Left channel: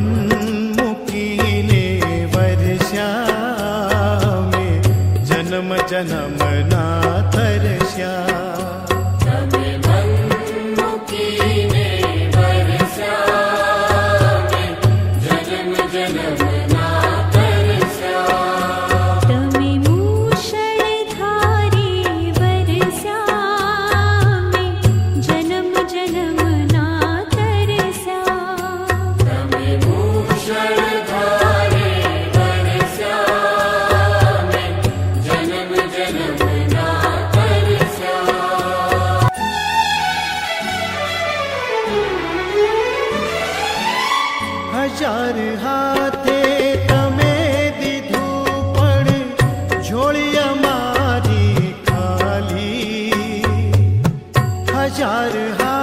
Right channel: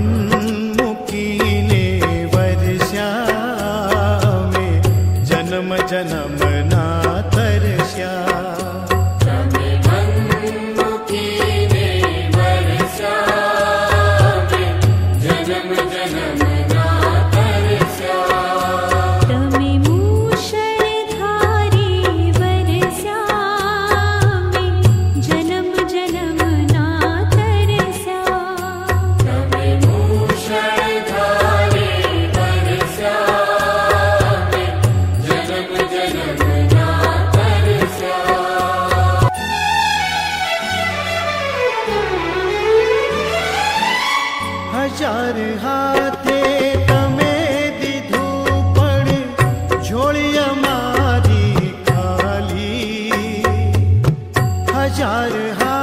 મન મૂકીને વર્ષા મેં જન્મ જન્મ ના તરસ્યા. હજાર હાથે તમે દીધું પણ ઝોળી અમારી ખાલી. હજાર હાથ